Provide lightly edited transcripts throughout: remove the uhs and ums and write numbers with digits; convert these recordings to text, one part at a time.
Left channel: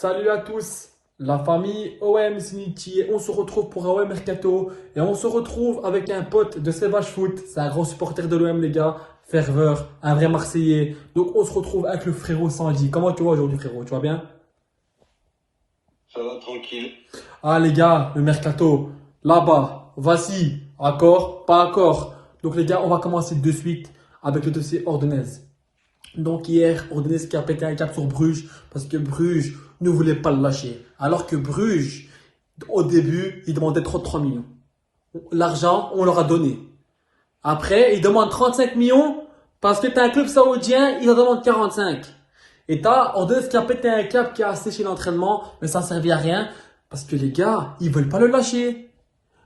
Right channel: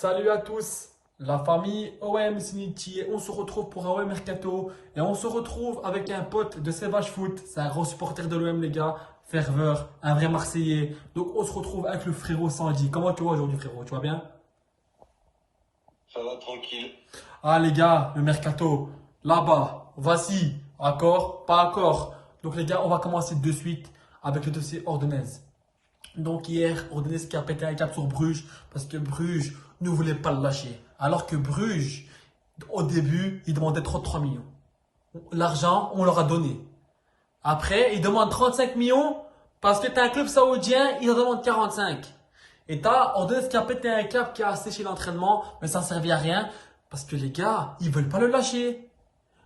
Salut à tous, la famille OM Siniti. On se retrouve pour un OM Mercato et on se retrouve avec un pote de Sevage Foot. C'est un grand supporter de l'OM, les gars. Ferveur, un vrai Marseillais. Donc on se retrouve avec le frérot Sandy. Comment tu vas aujourd'hui, frérot? Tu vas bien? Ça va tranquille. Ah, les gars, le Mercato, là-bas, voici, accord, pas accord. Donc les gars, on va commencer de suite avec le dossier Ordonez. Donc hier, Ordonez qui a pété un cap sur Bruges parce que Bruges ne voulait pas le lâcher. Alors que Bruges, au début, il demandait 33 millions. L'argent, on leur a donné. Après, il demande 35 millions parce que tu as un club saoudien, il en demande 45. Et t'as Ordonez qui a pété un cap, qui a séché l'entraînement, mais ça ne servait à rien parce que les gars, ils veulent pas le lâcher.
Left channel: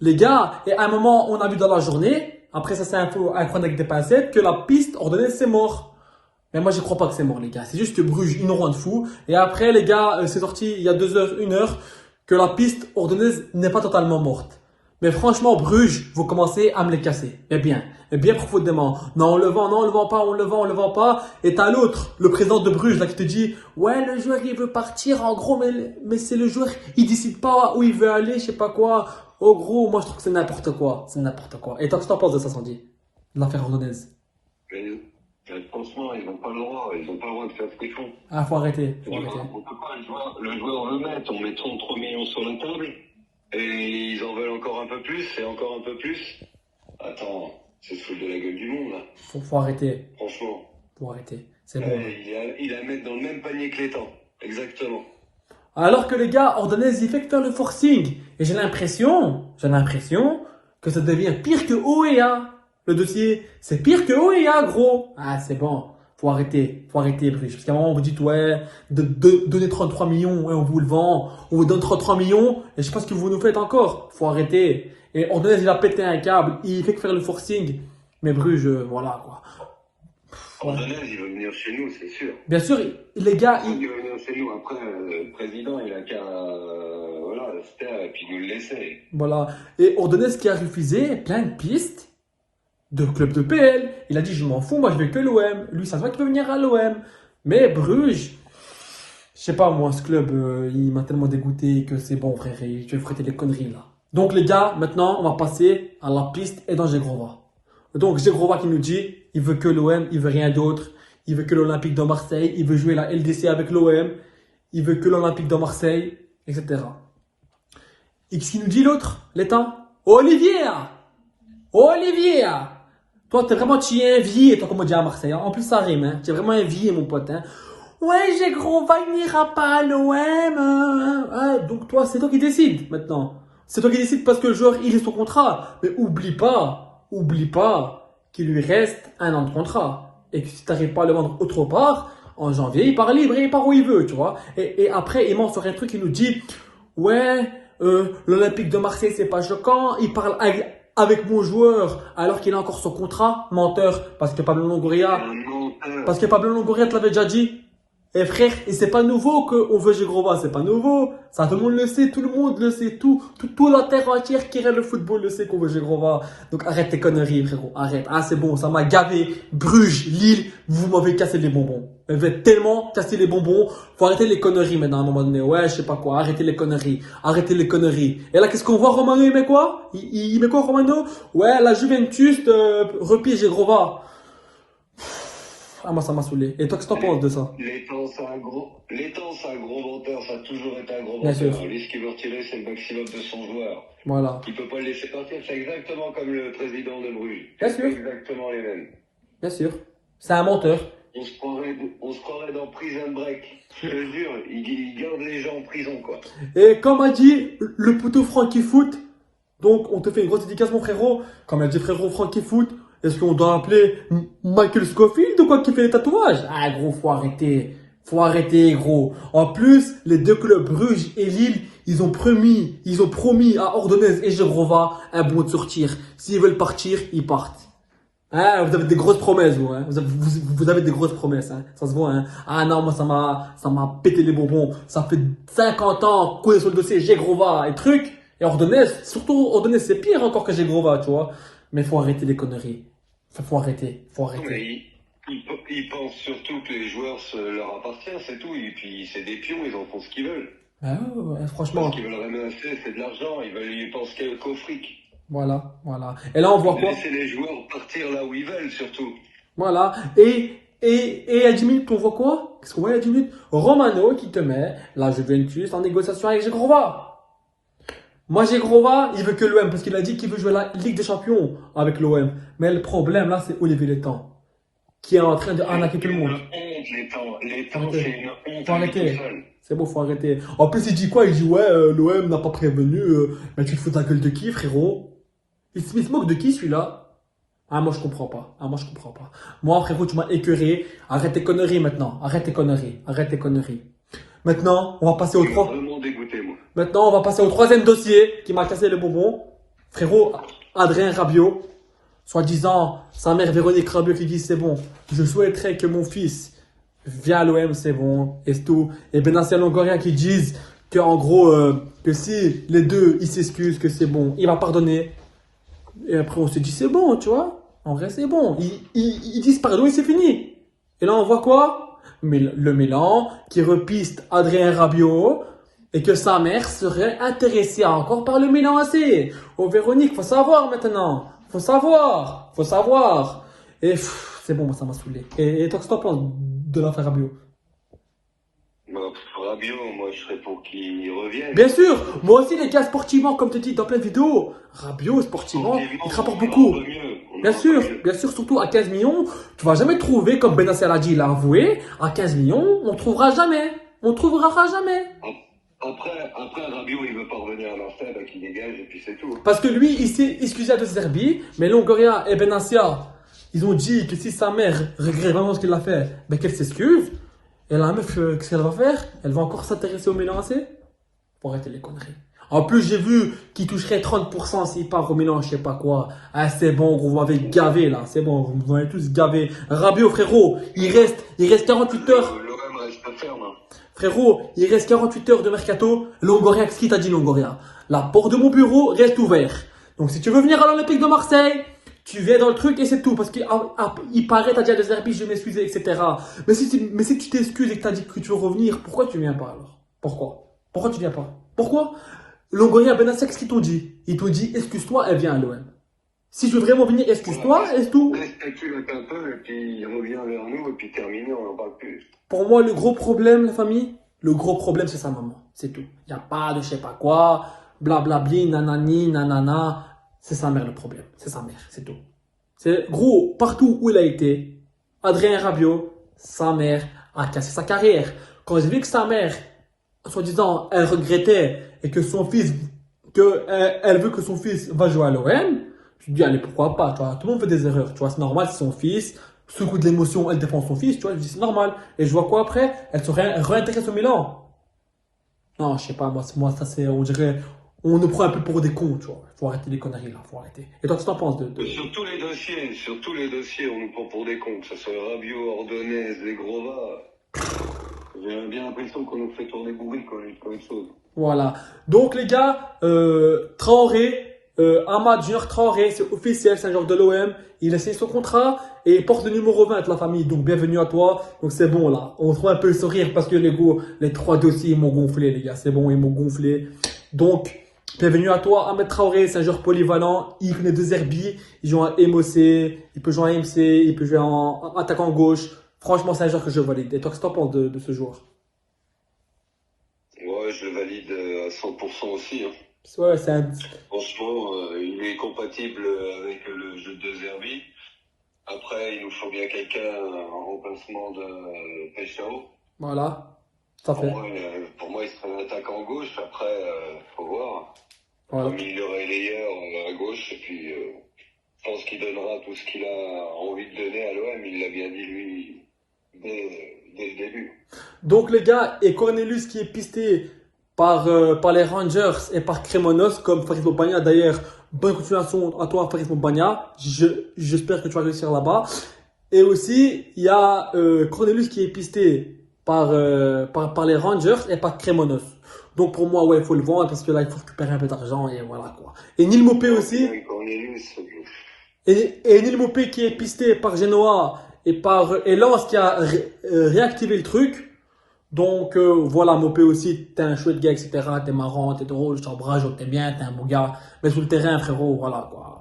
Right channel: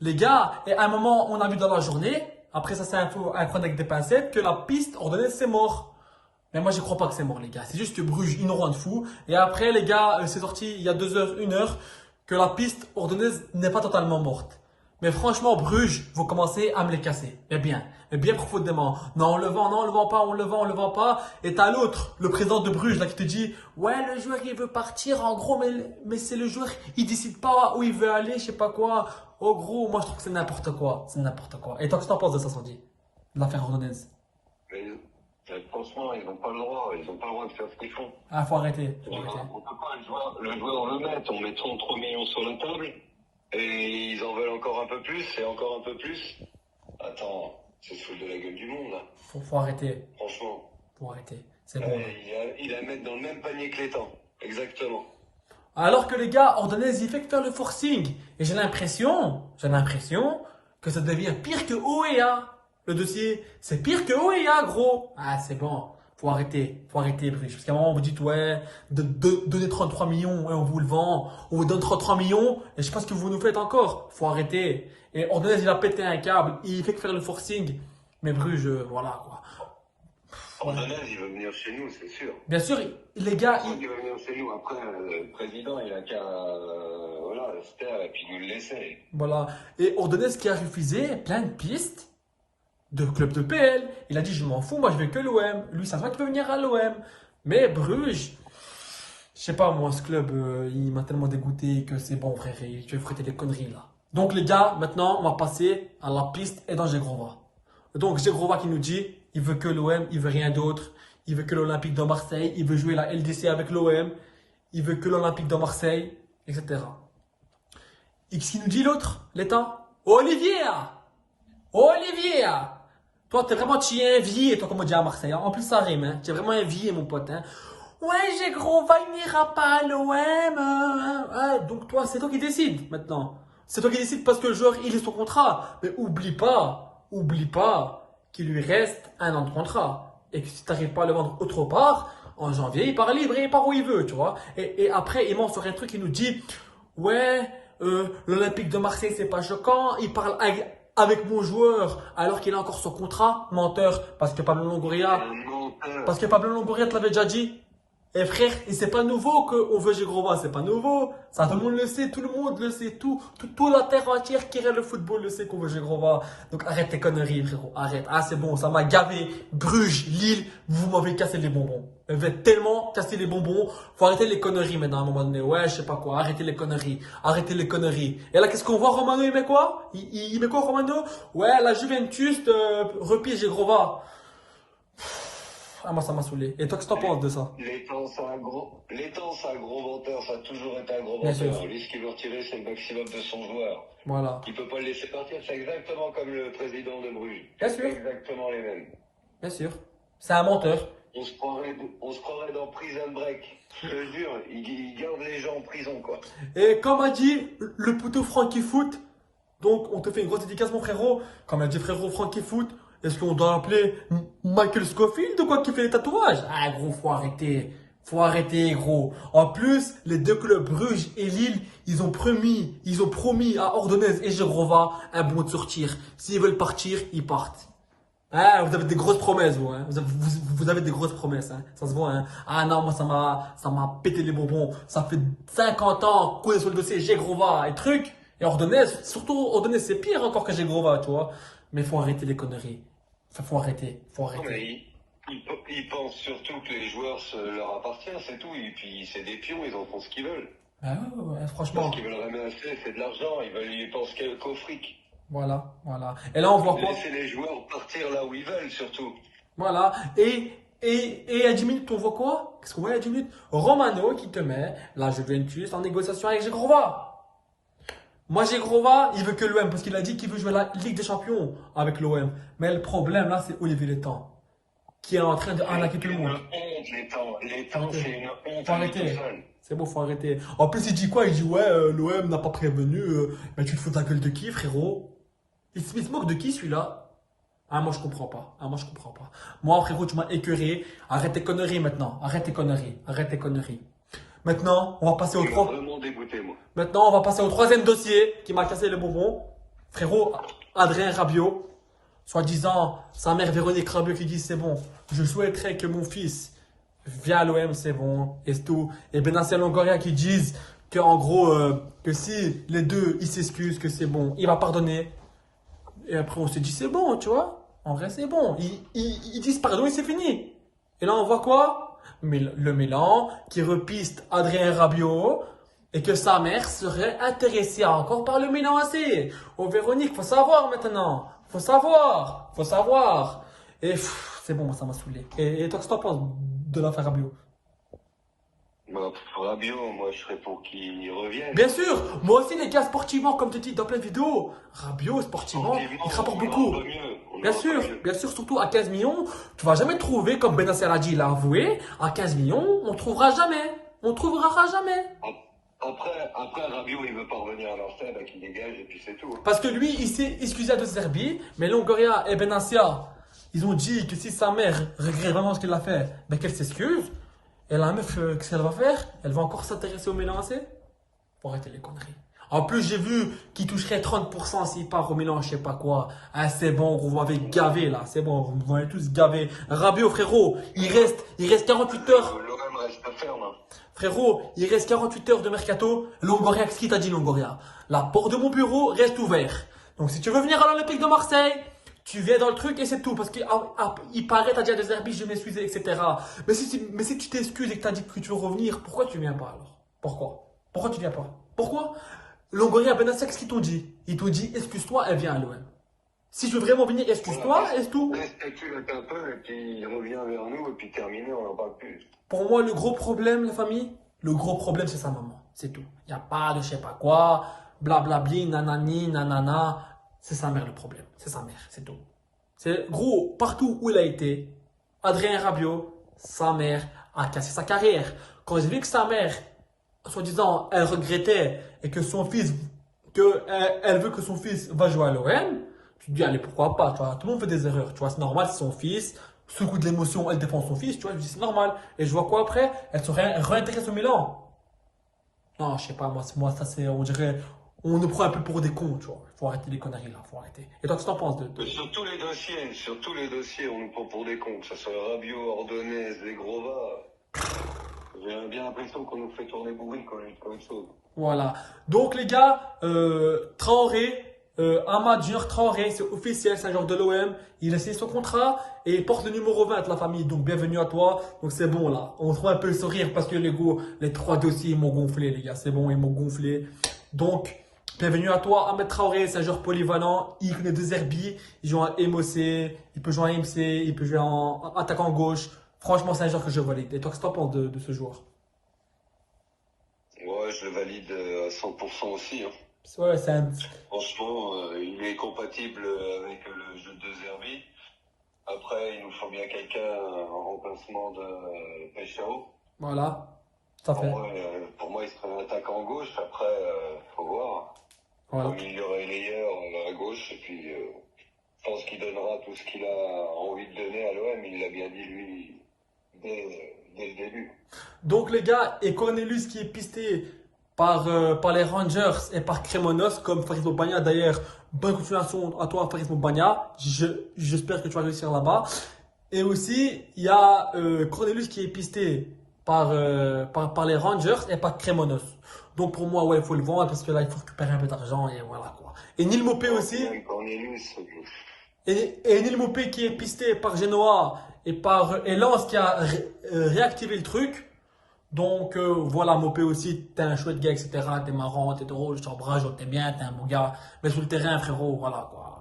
Les gars, et à un moment, on a vu dans la journée, après ça c'est un peu un avec des pincettes, que la piste Ordonez c'est mort. Mais moi, je crois pas que c'est mort, les gars. C'est juste que Bruges, ils nous rendent fous. Et après, les gars, c'est sorti il y a 2 heures, 1 heure, que la piste ordonnaise n'est pas totalement morte. Mais franchement, Bruges, vous commencez à me les casser. Et bien profondément. Non, on le vend, non, on le vend pas, on le vend pas. Et t'as l'autre, le président de Bruges, là, qui te dit, ouais, le joueur, il veut partir, en gros, mais c'est le joueur, il décide pas où il veut aller, je sais pas quoi. Oh, gros, moi, je trouve que c'est n'importe quoi. C'est n'importe quoi. Et toi, qu'est-ce que t'en penses de ça, Sandy? De l'affaire ordonnaise? Mais franchement, ils n'ont pas le droit. Ils n'ont pas le droit de faire ce qu'ils font. Ah, faut arrêter. On peut pas, le joueur veut mettre. On met 33 millions sur la table. Et ils en veulent encore un peu plus. Et encore un peu plus. Attends, c'est se foutre de la gueule du monde, là. Faut arrêter. Franchement. Faut arrêter. C'est bon. Il a à mettre dans le même panier que les temps. Exactement. Alors que les gars, Ordonez, il fait que faire le forcing. Et j'ai l'impression que ça devient pire que OEA. Le dossier, c'est pire que OEA, gros. Ah, c'est bon. Faut arrêter, Bruce. Parce qu'à un moment, on vous dit, ouais, donnez 33 millions, ouais, on vous le vend. On vous donne 33 millions, et je sais pas ce que vous nous faites encore. Faut arrêter. Et Ordonez, il a pété un câble, il fait que faire le forcing. Mais Bruges, voilà, quoi. Ordonez, il veut venir chez nous, c'est sûr. Bien sûr, les gars, Il veut venir chez nous. Après, le président, il a qu'à voilà, se taire et puis nous le laisser. voilà. Et Ordonez qui a refusé plein de pistes de club de PL. Il a dit, je m'en fous, moi je vais que l'OM. Lui, ça se voit qu'il veut venir à l'OM. Mais Bruges, je sais pas, moi, ce club, il m'a tellement dégoûté que c'est bon, frère. Je vais friter des conneries, là. Donc, les gars, maintenant, on va passer à la piste et dans Zegrova. Donc, Zegrova qui nous dit, il veut que l'OM, il veut rien d'autre. Il veut que l'Olympique de Marseille. Il veut jouer la LDC avec l'OM. Il veut que l'Olympique de Marseille, etc. Et qui nous dit l'autre, l'état? Olivier! Olivier! Toi, t'es vraiment, tu es un vie, toi, comme on dit à Marseille. Hein. En plus, ça rime, hein. Tu es vraiment un vie, mon pote. Hein. Ouais, j'ai gros, va, il n'ira pas à l'OM. Ouais, donc, toi, c'est toi qui décides, maintenant. C'est toi qui décides parce que le joueur, il est son contrat. Mais oublie pas qu'il lui reste 1 an de contrat. Et que si tu n'arrives pas à le vendre autre part, en janvier, il part libre, il part où il veut, tu vois. Et après, il ment sur un truc, il nous dit, ouais, l'Olympique de Marseille, c'est pas choquant. Il parle avec mon joueur alors qu'il a encore son contrat. Menteur, parce que Pablo Longoria te l'avait déjà dit. Et frère, et c'est pas nouveau qu'on veut Zegrova, c'est pas nouveau. Ça, tout le monde le sait, tout le monde le sait, tout la terre entière qui regarde le football le sait qu'on veut Zegrova. Donc arrête tes conneries, frérot, arrête. Ah, c'est bon, ça m'a gavé. Bruges, Lille, vous m'avez cassé les bonbons. Vous m'avez tellement cassé les bonbons. Faut arrêter les conneries maintenant à un moment donné. Ouais, je sais pas quoi, arrêtez les conneries. Et là, qu'est-ce qu'on voit, Romano, il met quoi? Il met quoi, Romano? Ouais, la Juventus repige Zegrova. Ah, moi, ça m'a saoulé. Et toi, qu'est-ce que t'en penses de ça? L'étang, c'est un gros menteur, ça a toujours été un gros Bien menteur. sûr. Lui, ce qu'il veut retirer, c'est le maximum de son joueur. Voilà. Il peut pas le laisser partir, c'est exactement comme le président de Bruges. Bien C'est sûr. exactement les mêmes. Bien sûr. C'est un menteur. On se croirait dans Prison Break. Je te jure, il garde les gens en prison, quoi. Et comme a dit le poteau Frankie Foot, donc on te fait une grosse dédicace, mon frérot. Comme a dit frérot Frankie Foot, est-ce qu'on doit appeler Michael Scofield ou quoi qui fait les tatouages? Ah, gros, faut arrêter. Faut arrêter, gros. En plus, les 2 clubs, Bruges et Lille, ils ont promis à Ordonez et Zegrova un bon de sortir. S'ils veulent partir, ils partent. Hein, vous avez des grosses promesses, vous. Hein. Vous avez des grosses promesses. Hein. Ça se voit. Hein. Ah non, moi, ça m'a pété les bonbons. Ça fait 50 ans qu'on est sur le dossier Zegrova et trucs. Et Ordonez, surtout Ordonez, c'est pire encore que Zegrova, tu vois. Mais faut arrêter les conneries. Faut arrêter. Mais ils pensent surtout que les joueurs leur appartiennent, c'est tout. Et puis c'est des pions, ils en font ce qu'ils veulent. Ah ouais, franchement, Ce qu'ils veulent ramasser, c'est de l'argent. Ils pensent qu'au fric. voilà, voilà. Et là, on voit quoi? Laissez les joueurs partir là où ils veulent, surtout. Voilà. Et à 10 minutes, on voit quoi? Qu'est-ce qu'on voit à 10 minutes? Romano qui te met la Juventus en négociation avec Zegrova. Moi, Zegrova, il veut que l'OM parce qu'il a dit qu'il veut jouer la Ligue des Champions avec l'OM. Mais le problème là, c'est Olivier Létang qui est en train de arnaquer tout le monde. Les temps, Arrêtez. c'est une honte. Faut arrêter. tout seul. C'est bon, faut arrêter. En plus, il dit quoi? Il dit ouais, l'OM n'a pas prévenu. Mais tu te fous de la gueule de qui, frérot? Il se moque de qui celui-là? Ah, moi je comprends pas. Ah, moi je comprends pas. Moi, frérot, tu m'as écœuré. Arrête tes conneries maintenant. Arrête tes conneries. Arrête tes conneries. Maintenant, on va passer au Je suis 3. vraiment dégoûté, moi. Maintenant, on va passer au troisième dossier qui m'a cassé le bonbon. Frérot, Adrien Rabiot. Soi-disant, sa mère Véronique Rabiot qui dit c'est bon. Je souhaiterais que mon fils vienne à l'OM, c'est bon. Et c'est tout. Et Benassia Longoria qui disent que en gros, que si les deux ils s'excusent, que c'est bon, il va pardonner. Et après, on se dit, c'est bon, tu vois. En vrai, c'est bon. Ils disent pardon et c'est fini. Et là, on voit quoi? Le Milan qui repiste Adrien Rabiot et que sa mère serait intéressée encore par le Milan AC. Oh, Véronique, faut savoir maintenant. Faut savoir. Faut savoir. Et c'est bon, moi, ça m'a saoulé. Et toi, qu'est-ce que t'en penses de l'affaire Rabiot? Bah, Rabiot, moi, je serais pour qu'il revienne. Bien sûr, moi aussi, les gars, sportivement, comme tu dis dans plein de vidéos, Rabiot, sportivement, il te rapporte beaucoup. Bien sûr, surtout à 15 millions, tu vas jamais trouver, comme Benasser l'a dit, il a avoué, à 15 millions, on trouvera jamais. On trouvera jamais. Après, Rabiot, il veut pas revenir à l'enfer, bah, qu'il dégage et puis c'est tout. Parce que lui, il s'est excusé de Serbie, mais Longoria et Benassia, ils ont dit que si sa mère regrette vraiment ce qu'il a fait, ben qu'elle s'excuse. Et la meuf, qu'est-ce qu'elle va faire? Elle va encore s'intéresser au Milan AC? Faut arrêter les conneries. En plus, j'ai vu qu'il toucherait 30% s'il part au Milan, je sais pas quoi. Ah, c'est bon, vous m'avez gavé là, c'est bon, vous m'avez tous gavé. Rabiot, frérot, il reste 48 heures. L'OM reste ferme. Hein. Frérot, il reste 48 heures de mercato. Longoria, qu'est-ce qu'il t'a dit, Longoria? La porte de mon bureau reste ouverte. Donc, si tu veux venir à l'Olympique de Marseille, tu viens dans le truc et c'est tout. Parce qu'il paraît, t'as dit à des arbitres, je vais m'excuser, etc. Mais si tu t'excuses et que t'as dit que tu veux revenir, pourquoi tu viens pas alors? Pourquoi tu viens pas? Pourquoi? Longoria, Benassia, qu'est-ce qu'ils t'ont dit? Ils t'ont dit, excuse-toi, elle vient à l'OM. Si tu veux vraiment venir, excuse-toi, et c'est tout. Respecte-le un peu et puis il revient vers nous et puis terminé, on n'en parle plus. Pour moi, le gros problème, la famille, le gros problème, c'est sa maman. C'est tout. Il n'y a pas de je sais pas quoi, blablabli, nanani, nanana. C'est sa mère le problème. C'est sa mère, c'est tout. C'est gros, partout où il a été, Adrien Rabiot, sa mère a cassé sa carrière. Quand j'ai vu que sa mère, soi-disant, elle regrettait et que son fils, elle veut que son fils va jouer à l'OM, tu te dis, allez, pourquoi pas, tu vois. Tout le monde fait des erreurs, tu vois. C'est normal, c'est son fils. Sous le coup de l'émotion, elle défend son fils, tu vois. Je dis, c'est normal. Et je vois quoi après? Elle se réintéresse au Milan. Non, je sais pas, moi, ça c'est, on dirait, on nous prend un peu pour des cons, tu vois. Faut arrêter les conneries là, faut arrêter. Et toi, qu'est-ce que t'en penses de... Sur tous les dossiers, on nous prend pour des cons, que ce soit Rabiot, Ordonez, Zegrova. J'ai bien l'impression qu'on nous fait tourner bourrique comme une chose. Voilà. Donc, les gars, Traoré, Amad Junior Traoré, c'est officiel, c'est un joueur de l'OM. Il a signé son contrat et il porte le numéro 20 la famille. Donc, bienvenue à toi. Donc, c'est bon, là. On trouve un peu le sourire parce que les trois dossiers, ils m'ont gonflé, les gars. C'est bon, ils m'ont gonflé. Donc, bienvenue à toi. Ahmed Traoré, c'est un joueur polyvalent. Il connaît deux herbies. Il joue en MOC, il peut jouer en MC, il peut jouer en attaquant gauche. Franchement, c'est un joueur que je valide. Et toi, qu'est-ce que t'en penses de ce joueur? Ouais, je le valide à 100% aussi. Hein. Ouais, c'est un... Franchement, il est compatible avec le jeu de Zerbi. Après, il nous faut bien quelqu'un en remplacement de Peshao. Voilà. Ça fait. Pour moi, il serait un attaquant gauche. Après, faut voir. Voilà. Comme il y aurait Leyer à gauche. Et puis, je pense qu'il donnera tout ce qu'il a envie de donner à l'OM. Il l'a bien dit, lui, dès le début. Donc les gars, et Cornelius qui est pisté par les Rangers et par Cremonos, comme Faris Mobagna. D'ailleurs, bonne continuation à toi, Faris Mobagna. J'espère que tu vas réussir là-bas. Et aussi, il y a Cornelius qui est pisté par les Rangers et par Cremonos. Donc pour moi, ouais, il faut le vendre parce que là, il faut récupérer un peu d'argent et voilà quoi. Et Neil Maupay aussi. Cornelius, Et Neil Maupay qui est pisté par Genoa et Lens qui a réactivé le truc. Donc voilà, Mopé aussi, t'es un chouette gars, etc. T'es marrant, t'es drôle, je t'embrasse, t'es bien, t'es un beau gars. Mais sur le terrain, frérot, voilà quoi.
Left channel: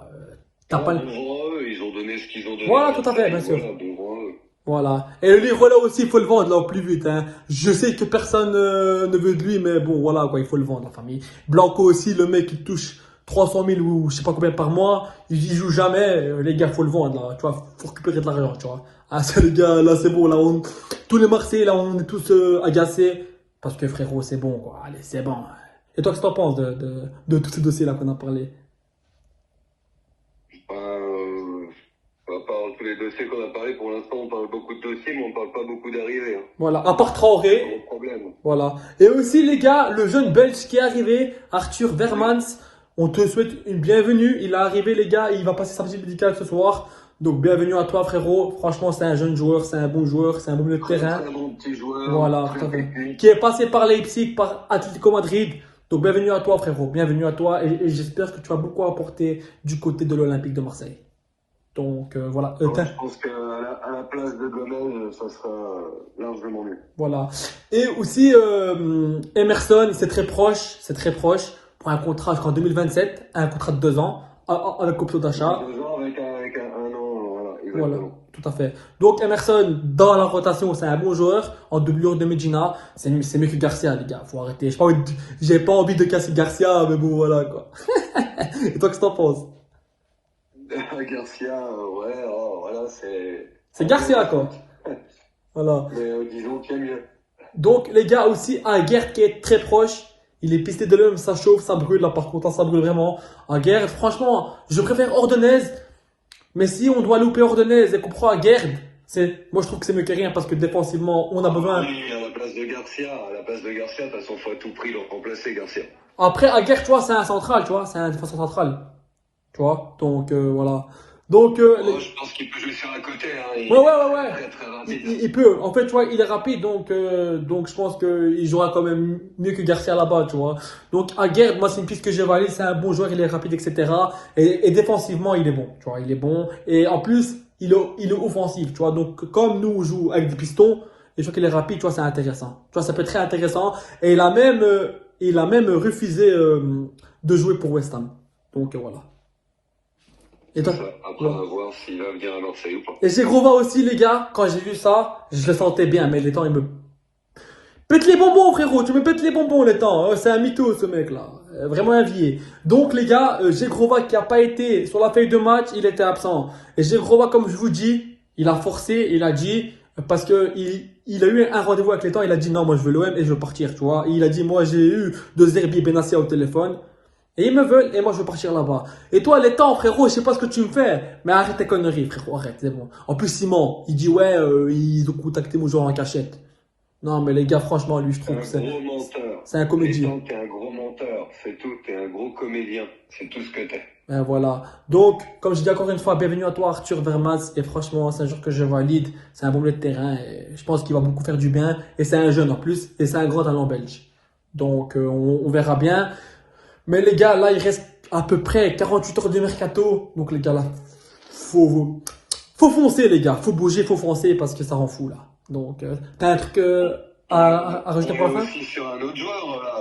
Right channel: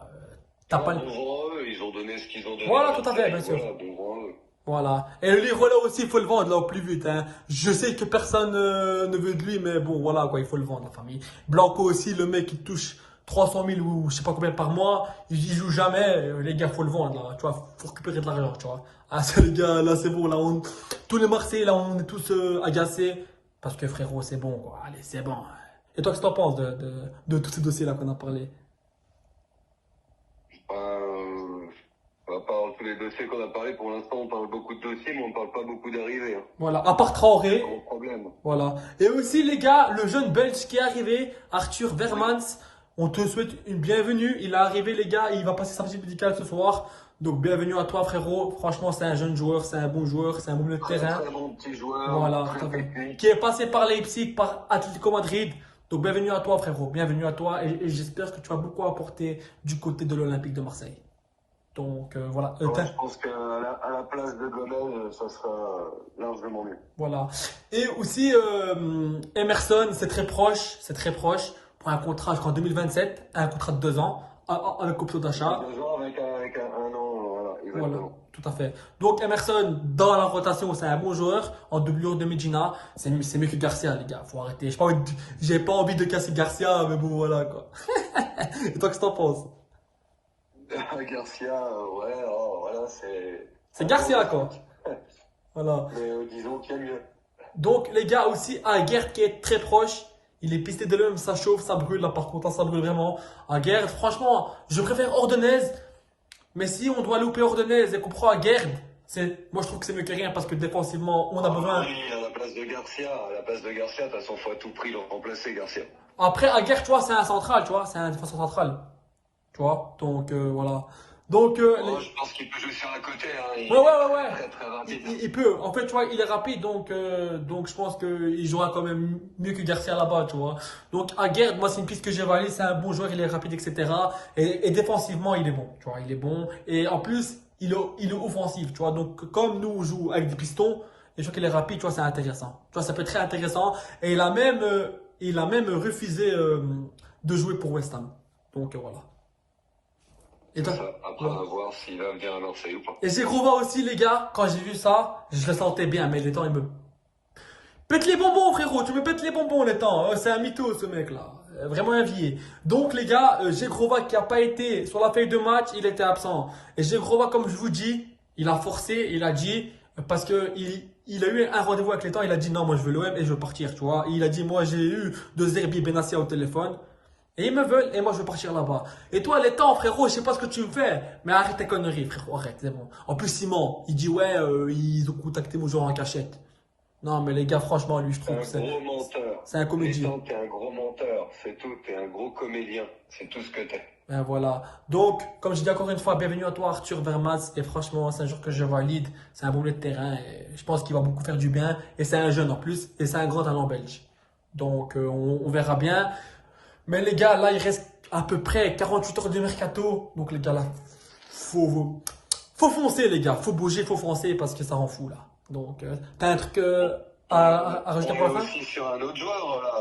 T'as Voilà, pas. bon vent à eux, ils ont donné ce qu'ils ont donné à Voilà, tout à fait, Marseille. bien sûr. Voilà, bon vent à eux. Voilà. Et le livre là aussi, il faut le vendre là au plus vite. Hein. Je sais que personne ne veut de lui, mais bon, voilà quoi, il faut le vendre, la famille. Blanco aussi, le mec qui touche 300 000 ou je sais pas combien par mois, il joue jamais. Les gars, faut le vendre là, tu vois, faut récupérer de l'argent, tu vois. Ah, ça, les gars, là c'est bon, là, tous les Marseillais, là, on est tous agacés. Parce que frérot, c'est bon, quoi. Allez, c'est bon. Et toi, qu'est-ce que t'en penses de tous ces dossiers là qu'on a parlé? À part tous les dossiers qu'on a parlé, pour l'instant, on parle beaucoup de dossiers, mais on parle pas beaucoup d'arrivées. Hein. Voilà, à part C'est Traoré. mon problème. Voilà. Et aussi, les gars, le jeune Belge qui est arrivé, Arthur Vermans, on te souhaite une bienvenue. Il est arrivé, les gars, il va passer sa petite médicale ce soir. Donc, bienvenue à toi, frérot. Franchement, c'est un jeune joueur, c'est un bon joueur, c'est un bon milieu de Très, terrain. très bon petit joueur. Voilà, Très tout à fait. technique. Qui est passé par Leipzig, par Atlético Madrid. Donc, bienvenue à toi, frérot. Bienvenue à toi. Et j'espère que tu vas beaucoup apporter du côté de l'Olympique de Marseille. Donc, voilà. Ouais, je pense qu'à la place de Gomez, ça sera largement mieux. Voilà. Et aussi, Emerson, c'est très proche, pour un contrat jusqu'en 2027, un contrat de 2 ans, avec option d'achat. 2 ans avec un an, voilà, Voilà, exactement. tout à fait. Donc, Emerson, dans la rotation, c'est un bon joueur, en doublure de Medina, c'est mieux que Garcia, les gars, faut arrêter. J'ai pas envie de casser Garcia, mais bon, voilà, quoi. Et toi, qu'est-ce que t'en penses? Garcia, ouais, oh, voilà, C'est Garcia, quoi. Voilà. Mais disons qu'il y a mieux. Donc, les gars, aussi, un Guerre qui est très proche. Il est pisté de l'homme, ça chauffe, ça brûle. Là, par contre, ça brûle vraiment. Un Guerre, franchement, je préfère Ordonez. Mais si on doit louper Ordonez et qu'on prend un Guerre, moi, je trouve que c'est mieux que rien parce que défensivement, on a besoin. Oui, à la place de Garcia, de toute façon, faut à tout prix le remplacer, Garcia. Après, un Guerre, tu vois, c'est un central, tu vois, c'est un défenseur central. Tu vois, donc voilà. Donc, Oh, je pense qu'il peut jouer sur un côté, hein. Il ouais, ouais, est ouais, ouais. très très rapide. Il peut. En fait, tu vois, il est rapide, donc je pense qu'il jouera quand même mieux que Garcia là-bas, tu vois. Donc, Aguerd, moi, c'est une piste que j'ai validée. C'est un bon joueur, il est rapide, etc. Et défensivement, il est bon, tu vois, il est bon. Et en plus, il est offensif, tu vois. Donc, comme nous, on joue avec des pistons, et je vois qu'il est rapide, tu vois, c'est intéressant. Tu vois, ça peut être très intéressant. Et il a même refusé de jouer pour West Ham. Donc, voilà. Et toi? Ça. Après, on va voir s'il va venir à Marseille ou pas. Et Zegrova aussi, les gars, quand j'ai vu ça, je le sentais bien, mais les temps, il me pète les bonbons, frérot, tu me pètes les bonbons, les temps. C'est un mytho, ce mec-là. Vraiment un vieil. Donc, les gars, Zegrova qui n'a pas été sur la feuille de match, il était absent. Et Zegrova, comme je vous dis, il a forcé, il a dit, parce que il a eu un rendez-vous avec les temps, il a dit non, moi je veux l'OM et je veux partir, tu vois. Il a dit, moi j'ai eu de Zerbi Benassia au téléphone. Et ils me veulent, et moi je veux partir là-bas. Et toi, les temps, frérot, je sais pas ce que tu me fais, mais arrête tes conneries, frérot, arrête, c'est bon. En plus, Simon, il dit, ouais, ils ont contacté mon joueur en cachette. Non, mais les gars, franchement, lui, je trouve que C'est un gros menteur. c'est un comédien. T'es un gros menteur, c'est tout, t'es un gros comédien, c'est tout ce que t'es. Ben voilà. Donc, comme je dis encore une fois, bienvenue à toi, Arthur Vermans. Et franchement, c'est un joueur que je valide. C'est un bon milieu de terrain. Et je pense qu'il va beaucoup faire du bien. Et c'est un jeune en plus. Et c'est un grand talent belge. Donc, on verra bien. Mais les gars, là, il reste à peu près 48 heures de mercato. Donc, les gars, là, faut foncer, les gars. Faut bouger, faut foncer parce que ça rend fou, là. Donc, t'as un truc à rajouter pour la fin? Aussi sur un autre joueur, là.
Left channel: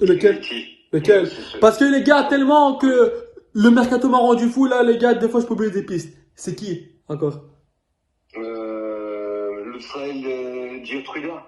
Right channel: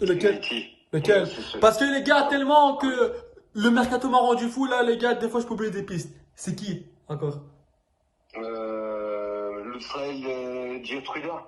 Lequel? Petit. Lequel? Parce que les gars, tellement que le mercato m'a rendu fou, là, les gars, des fois, je peux oublier des pistes. C'est qui, encore? Le frère de Giotruda.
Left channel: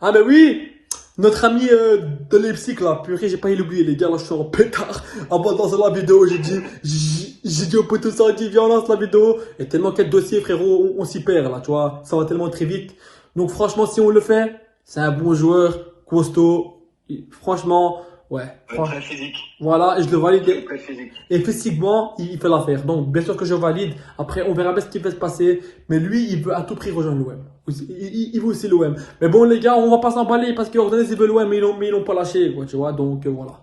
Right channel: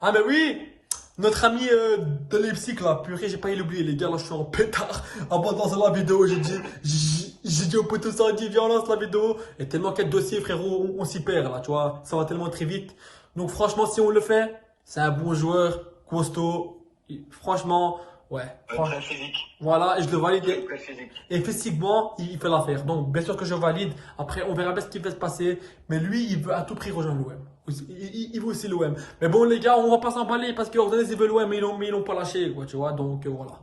Ah, ben oui! Notre ami de Leipzig, là, purée, j'ai pas l'oublier, les gars, là, je suis en pétard. En bas, dans la vidéo, j'ai dit au poteau ça, dit, viens, on lance la vidéo. Et tellement quel dossier, frérot, on s'y perd, là, tu vois. Ça va tellement très vite. Donc, franchement, si on le fait, c'est un bon joueur, costaud. Franchement, ouais. Très physique. Voilà, et je le valide. Très physique. Et physiquement, il fait l'affaire. Donc, bien sûr que je valide. Après, on verra bien ce qui va se passer. Mais lui, il veut à tout prix rejoindre l'OM. Il veut aussi l'OM. Mais bon, les gars, on va pas s'emballer parce qu'Ordonez, il veut l'OM, mais ils l'ont pas lâché, quoi, tu vois. Donc, voilà.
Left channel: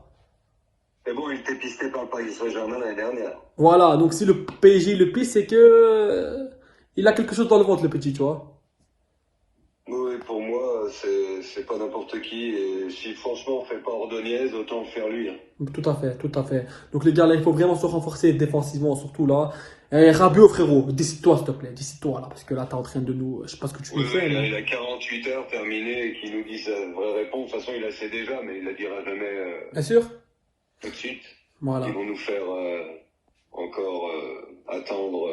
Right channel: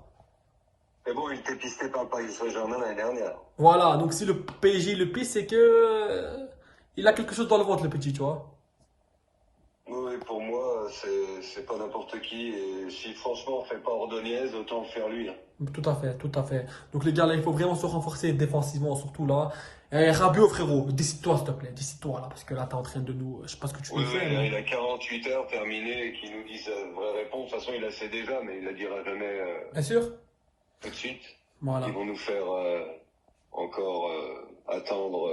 Mais bon, il était pisté par le Paris Saint-Germain l'année dernière. Voilà, donc si le PSG le pisse, c'est que il a quelque chose dans le ventre, le petit, tu vois. Oui, pour moi, c'est c'est pas n'importe qui. Et si franchement on fait pas Ordonez, autant le faire lui. Hein. Tout à fait, tout à fait. Donc les gars, là, il faut vraiment se renforcer défensivement, surtout là. Et Rabiot, frérot, décide-toi, s'il te plaît, décide-toi là, parce que là, t'es en train de nous. Je sais pas ce que tu Oui, nous fais, il mais. a 48 heures terminé et qu'il nous dit sa vraie réponse. De toute façon, il la sait déjà, mais il la dira jamais Bien sûr? tout de suite. Voilà. Ils vont nous faire encore attendre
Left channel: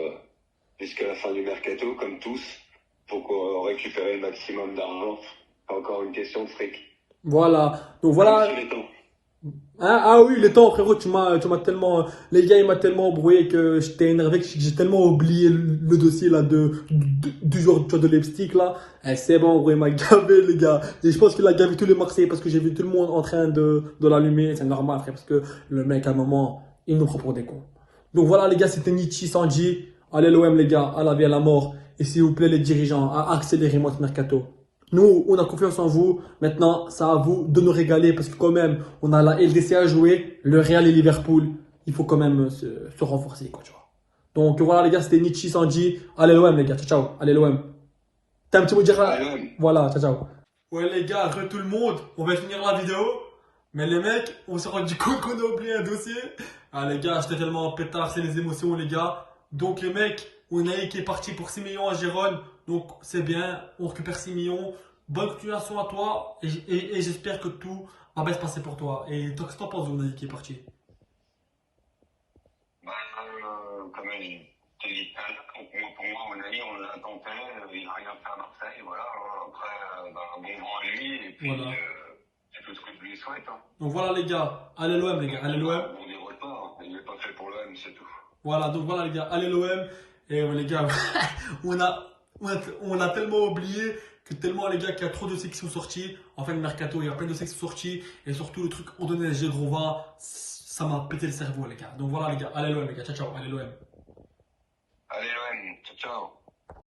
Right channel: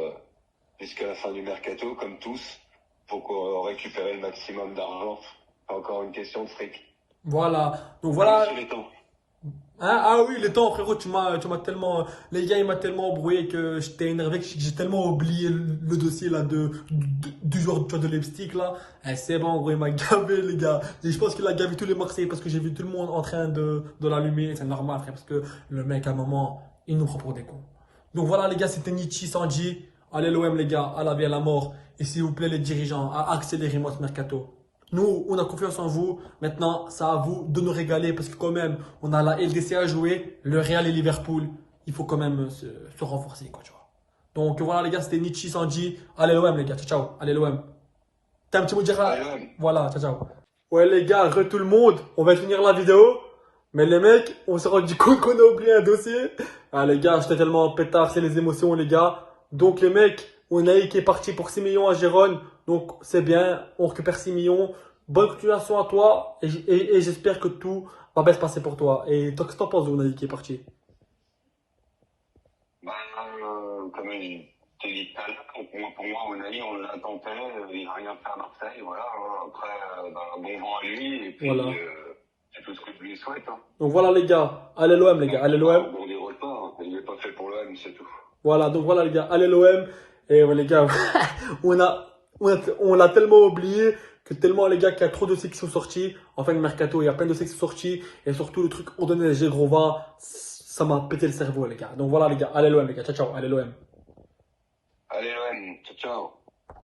jusqu'à la fin du mercato, comme tous, pour qu'on récupère le maximum d'argent. C'est encore une question de fric. Voilà. Donc Ah, voilà. monsieur Letton. Ah oui, le temps, frérot, tu m'as tellement. Les gars, il m'a tellement embrouillé que j'étais énervé, que j'ai tellement oublié le dossier là du joueur de Leipzig là. Eh, c'est bon, gros, il m'a gavé, les gars. Et je pense qu'il a gavé tous les Marseillais parce que j'ai vu tout le monde en train de l'allumer. C'est normal, frère, parce que le mec, à un moment, il nous prend pour des cons. Donc voilà, les gars, c'était Nietzsche Sanji. Allez, l'OM, les gars, à la vie, à la mort. Et s'il vous plaît, les dirigeants, accélérez-moi ce mercato. Nous, on a confiance en vous. Maintenant, c'est à vous de nous régaler parce que quand même, on a la LDC à jouer, le Real et Liverpool. Il faut quand même se renforcer, quoi, tu vois. Donc voilà, les gars, c'était Nietzsche Sanji. Allez, l'OM, les gars. Ciao, ciao. Allez, l'OM. T'as un petit mot à dire? Allez, Voilà, ciao, ciao. Ouais, les gars, re tout le monde. On va finir la vidéo. Mais les mecs, on s'est rendu compte qu'on a oublié un dossier. Ah, les gars, j'étais tellement en pétard, c'est les émotions, les gars. Donc, les mecs, on a qui est parti pour 6 millions à Gérone. Donc, c'est bien, on récupère 6 millions. Bonne continuation à toi. Et j'espère que tout va bien se passer pour toi. Et toi, qu'est-ce que t'en penses de Unai qui est parti? bah, comme je te dis tout à l'heure, pour moi, Unai, on l'attendait, il n'a rien fait à Marseille, voilà. Hein. Après, bon vent à lui, et puis Voilà. c'est tout ce que je lui souhaite. Hein. Donc, voilà, les gars. Allez, l'OM, les gars. Allez, l'OM. Bon, des retards, il n'est pas fait pour l'OM, c'est tout. Voilà, donc voilà, les gars. Allez, l'OM. Et ouais, les gars, on l'a tellement oublié que tellement, les gars, qu'il y a trop de dossiers qui sont sortis. En fin de mercato, il y a plein de dossiers qui sont sortis. Et surtout, le truc, on donnait les Grova, ça m'a pété le cerveau, les gars. Donc voilà, les gars. Allez, l'OM, les gars. Ciao, ciao. Allez, l'OM. Allez, l'OM, ciao, ciao.